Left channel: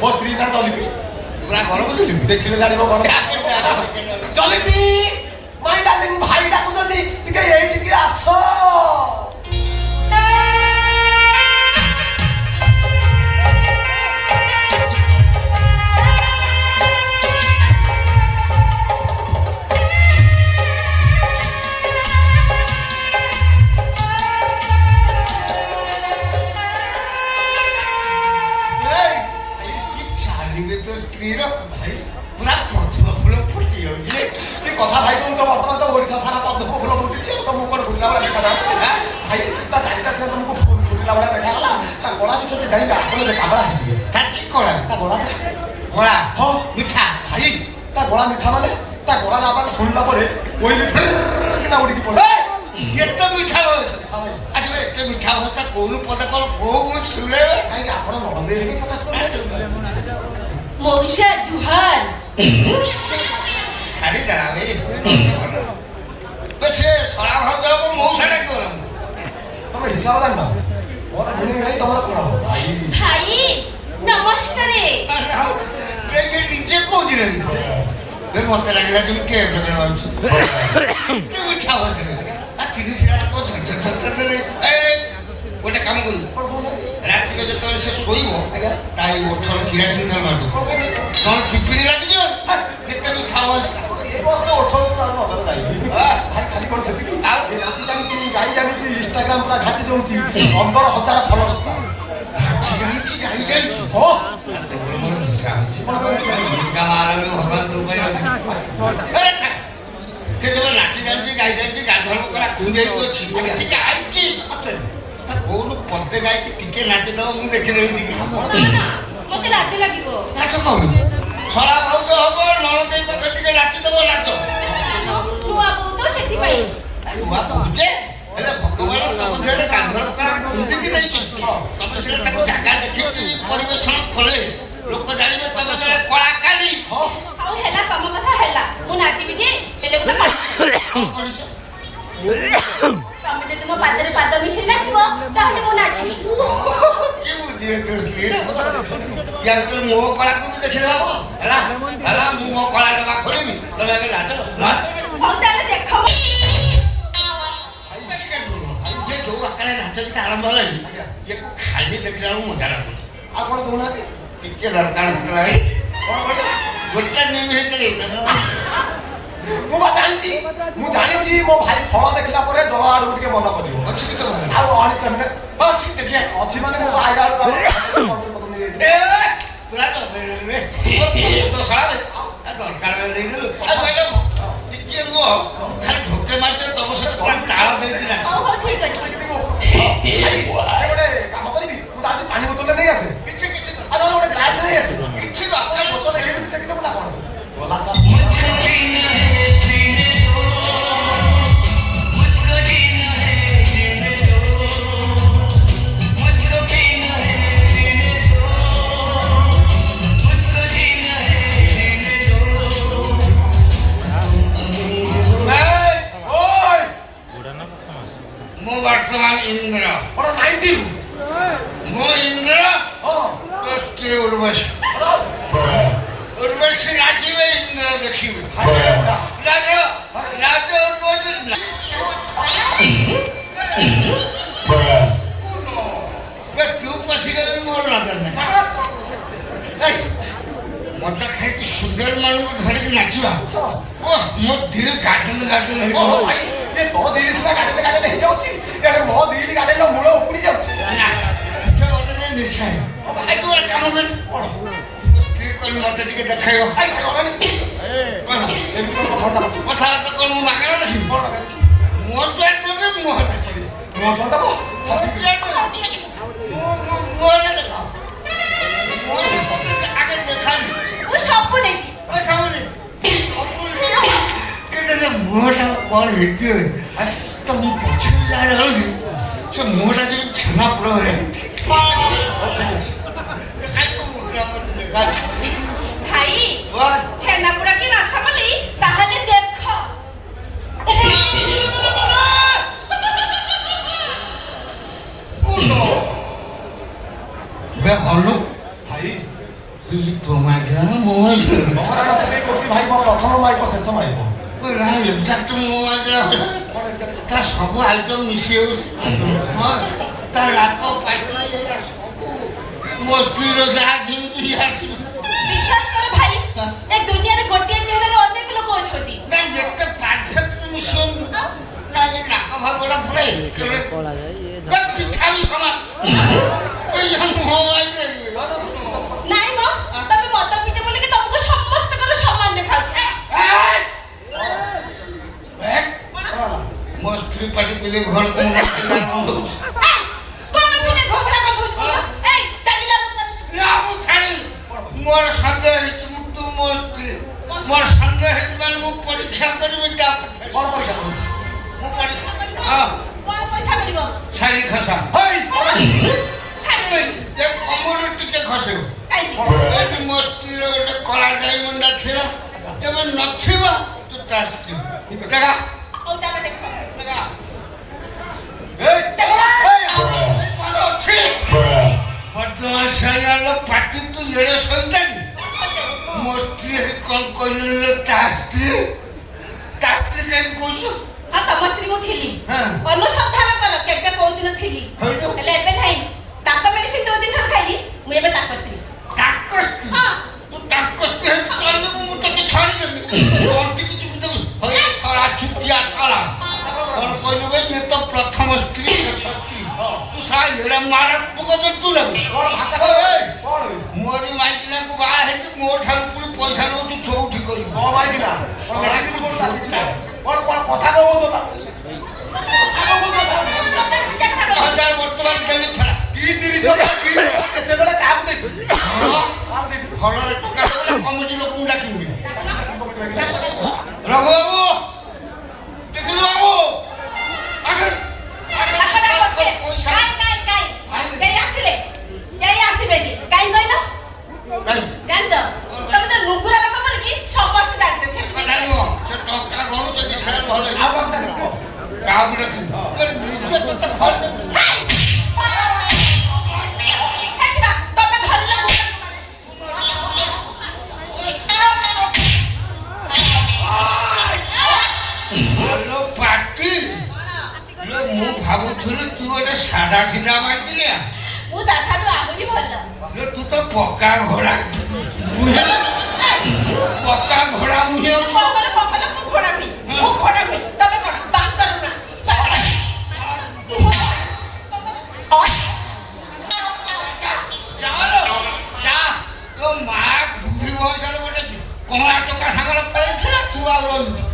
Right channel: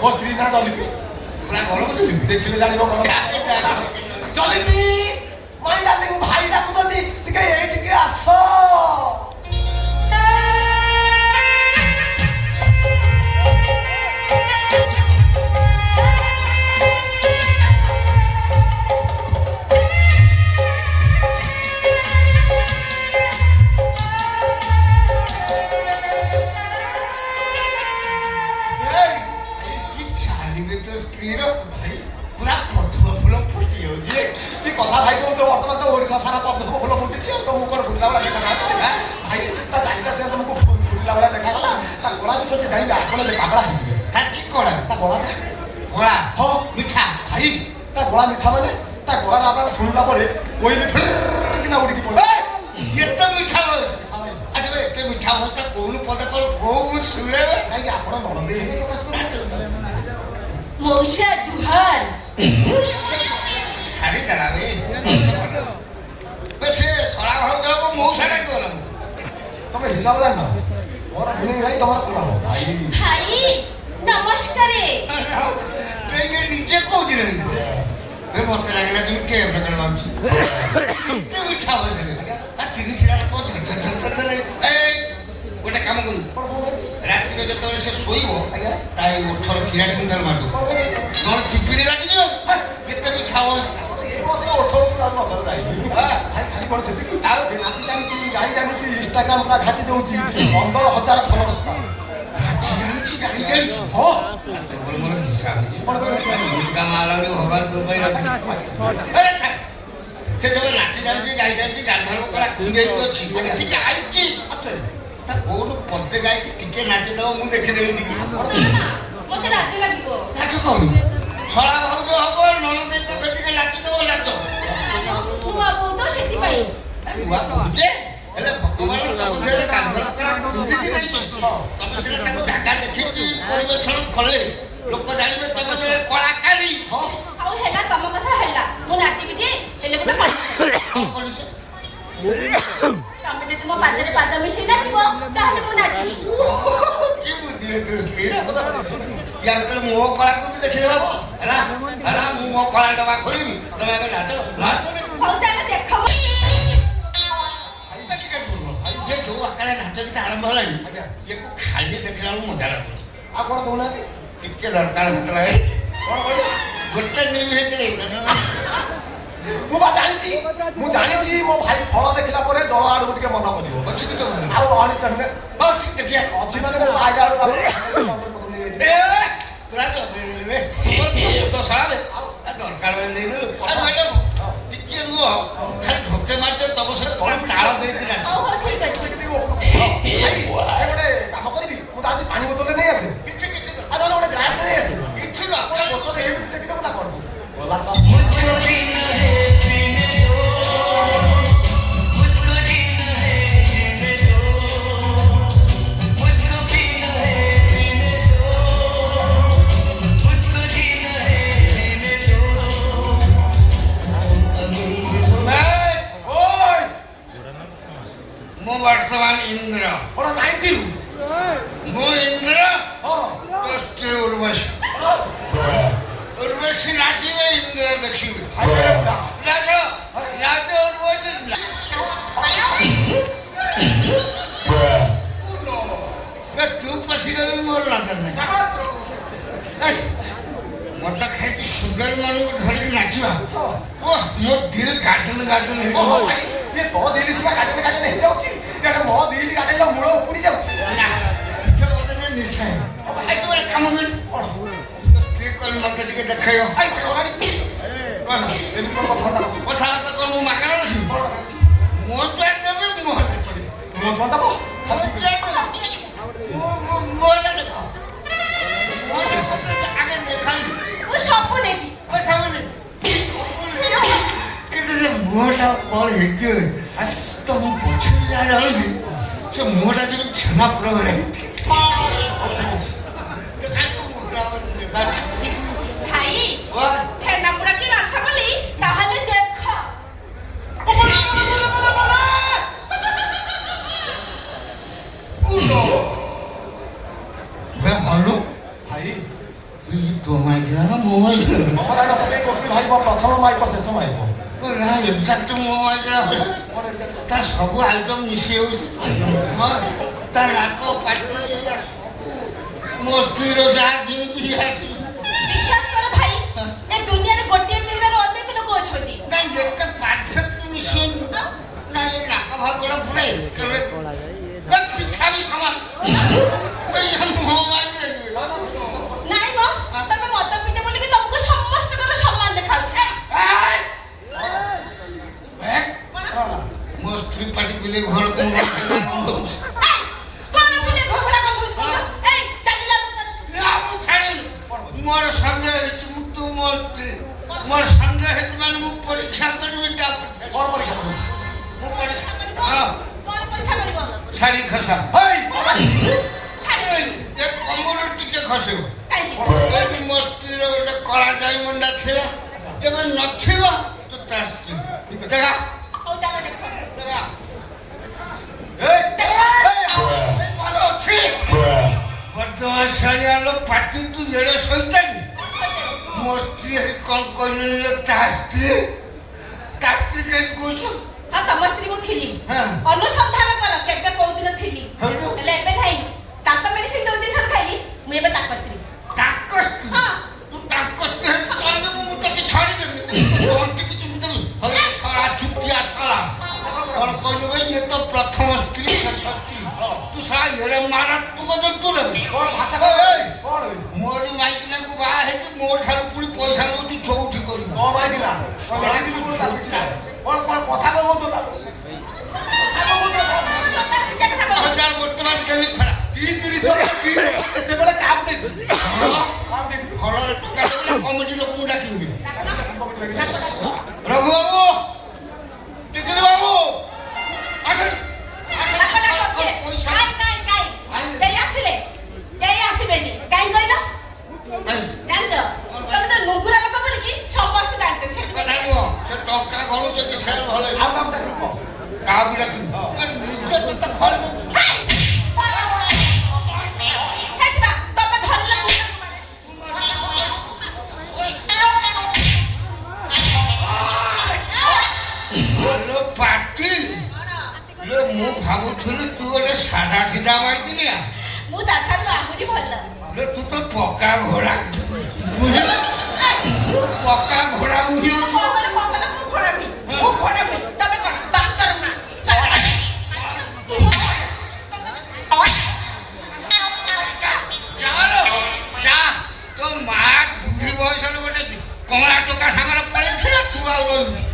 ମୋ ସ୍ତ୍ରୀ ନା ଜଲିପି ପୁରା ଗରମ ଜଲିପି ଦେଖିଲେ ଜାଣିବ ଗରମ ଜଲିପି ମାଇ ଡାର୍ଲିଂ ଭାଇ ଡାକୁଛନ୍ତି ଟିକେ ଏଇଠିକି ଆସ কথা ভাই কହୁଛ ବର୍ତ୍ତମାନ ତ ଓଡ଼ିଶା ସାରା ପଦ୍ମ ଫୁଲ ଫୁଟିଛି ଆଉ ତ ମୁଖରେ ଫୁଟିଲା ଭଳିଆ ଦେଖାଯାଉଛି ଭାଇ ତା ଚାରିଟା ସେ ତମକୁ ଫୁଟିଲା ଭଳିଆ ଦେଖାଗଲା ତା ଗଳା ବିଷୟ ଜାଣିବେ ଆପଣ ପାଗଳା ହେଇଯିବେ କି କଳା ତା ଗଳାଟା ଗଳା ହଁ ମିଠା ଭାଇ ତା ଗଳା ମିଠା ମାନେ ତା ଗଳାର ଆବାଜ ଶୁଣିଲା ପରେ କୋଇଲି କିନା ଉଡ଼ିକି ପଡ଼େ ଏତେ ମିଠା ବୟସ ଆଜି ଏତେ ମିଠା ବୟସ କୋଉନୁ ପଦେ କଣ କୋଉ ଶୁଣିଲେ କାହିଁକି ଆପଣ ନନ୍ଦେ ପ୍ରକାଶ କରୁଛନ୍ତି ମଉସା ଜୁହାର শাড়ি দাঁড়াবে সে সরা ভাব যাব মৌসাটা কি হলাম ତମେ ହିସାବ ଜାଣିନ ମୋର ଭିଣେଇ ଭାଇ ତମର କଣ ହବ ଭାଇ ଭାଇ ନମସ୍କାରେ ନିଜେ କହୁଥିଲେ ମତେ ଲାଗିଲା তুমি কে প্রকার ভাবছি মিঠা বসে চিনি সিরাটা কেউ ଗୋଟେ କାମ କରିବୁ ରାତିରେ ଯେତେବେଳେ ସେ ଶୋଇବ ତା ଏଇ ଓଠର କିରାସିନ ତେଲ ମାରିବୁ ନହେଲେ ପିପିଣି ଲାଗିଯିବ କେତେ ମିଠା ବୟସ ଖାଲି କଣ ସେତିକି ନାଚି ଜାଣିଛି ଗାଇ ଜାଣିଛି ଇନଷ୍ଟାଗ୍ରାମ ପୁରା ଘାଟି ଦଉଛି 15,000 ଫଲୋଅର୍ସ ନାଚି ଜାଣିଛି ଗାଇ ଜାଣିଛୁ ହଁ ମୋର ହିସାବ ଭଗବାନ ତୋ ପାଇଁ ସେ ଯେବେ ନାଚି ଜାଣିଛି ଗାଇ ଜାଣିଛି ଗାଧର୍ମ କଳା କୁଣ୍ଡେଇ ଅଛି ଠିକ ଆଇଛି ତା କୋଉଠୁ ପଦେ ଗାଇକି ଟିକେ ନାଚିଦବ ମୁଁ ଦେଖିଦେବି ଟିକେ ମତେ ଲାଜ ଲାଗିବ ନାଚ କହୁନି ଛଡ଼ା ଭାଉଜ ହବ ନଣନ୍ଦେଇ ପାଖରେ ଟିକେ ନାଚିଦବ ନାଚ ନୂଆ ବୋଉ ତ ସେଥିପାଇଁ ନୂଆ କହୁଛେ ହେଲେ ଭଗବାନ ତମ ଦେହରେ କାନ୍ଧର କଳା ଖୁନ୍ଦିକି ଦେଇଛନ୍ତି ତମେ ସେଟା ତାକୁ ଜାଗା ଦେଖିକି ପରିବେଷଣ କଲେ ଲୋକ ଜାଣିବେ ତମେ ଜଣେ କଳାକାରୀ ଆଉ ହେଲା ତମ କଥା ହେଲା ମୁଁ ନାଚିବି ଯେ ହେଲେ ଗୋଟେ ତମେ ଯଦି ମୋ ପାଦରେ ପାଦ ମିଶେଇ ନାଚିବ ତାହେଲେ ମୁଁ ନାଚିବି କି ବୁଦ୍ଧି ତୋ ସ୍ତ୍ରୀ ୟାର ତୋର ମୋ କଳାକୁ ବି ଦେଖିଲେ ହବ ହେଲା ହେଲା ମୁଁ ମୋ କଳା ଡବା ଖୋଲିବି ତମେ ଆଗେ ନାଚ ନାଚ ହଉ ତାହେଲେ ଦେଖ ଇଏ ଯୋଉ ଆକାରରେ ନାଚ ଗୀତ ଆରମ୍ଭ ହେଲାଣି ଇଏକୁ ଖାଲି ଦେଖିଲା ବେଳକୁ ମଜା ଲାଗୁନି ଆଉ କଣ କହୁନାହାନ୍ତି ଟିକେ ଦରକାର ଭିତରେ କଣ କହିଲେ ଗୋଟେ ନିମିଷ ମୁଁ ଜାଣିଛି ମୋ ଭାଇ ଫଳ ଦେଖିଲା ପରେ ଜଳ ଆଡକୁ ଟିକେ ମନ କରିବ ଅଛି କି ତମ ଆଉ ଅଣିଚନ୍ତି ଅଛି ଦେଖିଆ ଅଛି ମାନେ ମୋ ଆଇଲା ଆଡକୁ ପୁରା ତ ସଳାବେ ଦରକାର ବେଳେ ଦେଇଦେଲୁ ଟିକେ ରୁହ ଖାଲି ଢୋକେ ମାରିଦିଅ ତମ ସହିତ ପୁରା ତାଳ ଦେଇକି ନାଚ ହଉ ଠିକ ଅଛି ଗୋଟେ କାମ କରିବି ମୁଁ ତ ଆଜି ପାଣି ବୋତଲରେ ନେଇ ଆସେ କିଛି କିଛି ଆଉ ନହେଲେ ଗୋଟେ ଗ୍ଲାସ ନେଇ ଆସେ କିଛି ତ ଆପଣ ବୋତଲ ଏମିତି ଦେଖିଦେବୁ ନା କଣ ଗଲା ସାର୍ ମୁଁ ବର୍ତ୍ତମାନ ଇନ୍ଦ୍ର କଣ 90 ମୁଁ ଇନ୍ଦ୍ର ତୋ ସ୍ତ୍ରୀ ଉର୍ବଶୀ ଉର୍ବଶୀ ନାଚିବେ ଇନ୍ଦ୍ର ଦେଖିବେ ନାଚ ନାଚ ଉର୍ବଶୀ ତୁ ପଶିଗଲେ ମୋର ନଜର ନାହିଁ ମଦ ଖାଇକି ସୁନ୍ଦର ମାନଙ୍କୁ ଧରିକି ନାଚିବା ଓ ମୋ ଦିଲ ଗାର୍ଡେନ ଗାର୍ଡେନ ହେଇଯିବ ତୋ ଦିଦି ସିନା ଗାଡିରେ ଗାଡିରେ ହେଇଯାଉଛି ଏଇଟା ମୋ ଦିଦି ଗାଡିର ମୂଳ ଉପୁଡ଼ି ଯାଉଛି ନିଶ୍ଚୟ ତୁ ଗୋଟେ କାମ କରି ସ୍ତ୍ରୀ କରି ମତେ ଟିକେ ଦେଖାଇବ କଣ କଥାବାର୍ତ୍ତା କଣ ମୁଁ ମାଗଣା ଦେଖିବି ମୋ ପ୍ୟାଟ ଦେବେ ମୁହଁ ଦେଖିବି ମୋ ଝଣ୍ଡା ମୋ ଆଗେ ଦେଖାଲି ମୁଁ ସବୁ ନେବି ମୁହଁଟା କଣ ହେଇଥିବ ତ ମୁଁ ପଛରୁ ଯାହା ଜାଣୁଛି ସେ ମୁହଁଟା ଯେମିତି ଛେନା ପୋଡ଼ ଭଳିଆ ଭାଇ ଛେନାପୋଡା କି ରସଗୋଲି ତାହେଲେ ଦେଖ ହନୁ ଭାଇ তুই তোমায় গেল মোবাইল আমার আগে থেকে করছি ভাইব প্রথম মাইব শেষ মাইব না এক্সাক্ট মোবাইল ତା ସବୁ ଆଇଟମ୍ ମିଶି ଯାଉଛି ହଁ ତା ନାକ ପାଟି ସବୁ ମୋ ସ୍ତ୍ରୀର ଯାହା ଯେମିତି ବିଶ୍ୱାସ କର ଭାଇ ଏ ଦୁନିଆରେ ଗୋଟିଏ ଚେହେରାର ଅନେକ ଲୋକ ଅଛନ୍ତି। ନାଇଁ ଏତେ ପରଫେକ୍ଟ ମିଶିବନି ନା ଏ ନାକ ଭାଗଟା ପୁରା ଏକେରେ ପିଛା ବି ସମାନ ମୋବାଇଲରେ ନାଇଁ ମ ତମେ ମଦ ପିଇତେ ବୋଲିକି ତମକୁ ସମସ୍ତଙ୍କର ସମାନ ଦେଖାଉଛି। ମୋ ସ୍ତ୍ରୀ ପାଟି ପିଲେ ଘରକୁ ମୋର ସନ୍ଦେହ ହେଇଛି ମୁଁ ତୁ ମୋ ସ୍ତ୍ରୀ ମୋର ସନ୍ଦେହ ହେଇଛି ମାନେ ମୁଁ ପରୀକ୍ଷା କରିବି କଣ ପରୀକ୍ଷା ମୁଁ ପରୀକ୍ଷା କଣ ପରୀକ୍ଷା କରିବ? ଶାଢ଼ୀ ଖସା କମର ଟିକେ ଖସିବ ଏଠି ମୋ ସ୍ତ୍ରୀର ଗୋଟେ କଳା ଡାଇମଣ୍ଡା ଥିଲା ତେବେ ନଥିବ ତୁ ତା ସ୍ତ୍ରୀ ଦେଖା ହଉ ତାକୁ ଦେଖ ଦେଖା এই ଭଲ ଅଛି ବର୍ତ୍ତମାନ ସାରିଆର ପାଟି ତୁ ଏଡ଼େ ସଇତାନି ମୋ ସ୍ତ୍ରୀ କ'ଣ କହିଲେ ତା ସ୍ତ୍ରୀ କାହିଁକି କହୁଛୁ ହଁ ତମ ସ୍ତ୍ରୀ ମୁଁ ଥିଲି ହଁ। ଅନୁସନ୍ଧାନ କର କେବେ କୋଉଦିନ ଥିଲି ହଇଲୋ। ହେଲେ ଏବେ ନାହିଁ। ତାଙ୍କ ମେଡିସିନ ଯୋଉ ଦିନ ଖାଇଲି ମୁଁ ଏବେ ତାଙ୍କ ସ୍ତ୍ରୀ। ତାଙ୍କ ସ୍ତ୍ରୀ ହଁ। ତୁ ତାଙ୍କ ସ୍ତ୍ରୀ କହିଲୁ ମୁଁ ତତେ ଛାଡ଼ିଦେବି ତୋର କିଛି ଦେବି ହଇ ସାରା ଛୁଟିଆ ସାରା କ'ଣ କହିଲୁ ଭାଇ ଇଏ ତ ପ୍ରଥମ ସ୍ତ୍ରୀ ଶେଷ ସ୍ତ୍ରୀ ତୁ ସାରା ଏଡ଼େ ମାରାତ୍ମକ ଜନ୍ତୁ ଲାଗୁ ମୋରି ମାଇକିନାକୁ ବାହା ହେଇକି ମୋ ଠାରୁ ପୁଣି ପଇସା ନେଉଛୁ ଚଉଠି କରିବୁ ও মাইবিলা কোন কোন কথা কইবো তো ହଜାର ବର୍ତ୍ତମାନ କେମିତି ଫେରା 30 କେତେବେଳେ କାମ ଦେଖି କାମ ଦେଖି ଫଳରେ ଟଙ୍କା କମିଟି ଲୋକଙ୍କୁ ଡାକିବି ରଘୁ ବାବୁ ଟିକିଲି ବାବୁ ଆସ ପଇସା କେହି ଆସିଲେ କେହି ଆସିବେନି କାହିଁ କହିଲ କାଇଁ ଜାଣିଛ ତମେ ତ ଲୁଗୁରା ଲୋକ ବୋଲିକି ସମସ୍ତେ ଜାଣିଛ ସେଥିପାଇଁ ଜାଣିବ ସେ ଟଙ୍କା ଘରୁ ଯଦି ସେଲ୍ ଭଲ ଆଉ କଣ ଦେଖି କାହାକୁ ଡାକିବି ନିଜେ ତତେ ଫଳ ଦେବି ହେଟିବା ତମେ ଧରିଲ ଆଲୋ ପାଟି ଲୋ ମୁଁ ଭାବୁଥିଲି ତୁ ଗୋଟେ ସାଧା ସିଧା ମାଇକିନିଆ ମୁଁ ତାଠାରୁ ଆହୁରି ଭଲ। ଲୋ ତୁ ତ ପକ୍କା ଘୋଡ଼ା ପକ୍କା ଘୋଡ଼ା ମୁହିଁ ମୁଁ କଣ କଲେ ମୁଁ ଘୋଡ଼ା ନୁହେଁ ମୁଁ ଘୋଡ଼ା ନୁହେଁ ତମେ କଣ ବାନ୍ତର ନା ଚାଲୋ ଯା ତୋ ମା ବୁଢ଼ୀ ବୟସରେ ଗୋଟେ କମଳା ଟୋକା ସାଙ୍ଗରେ ପଳେଇଥିଲା ତୁ ଆଉ ରହିବୁ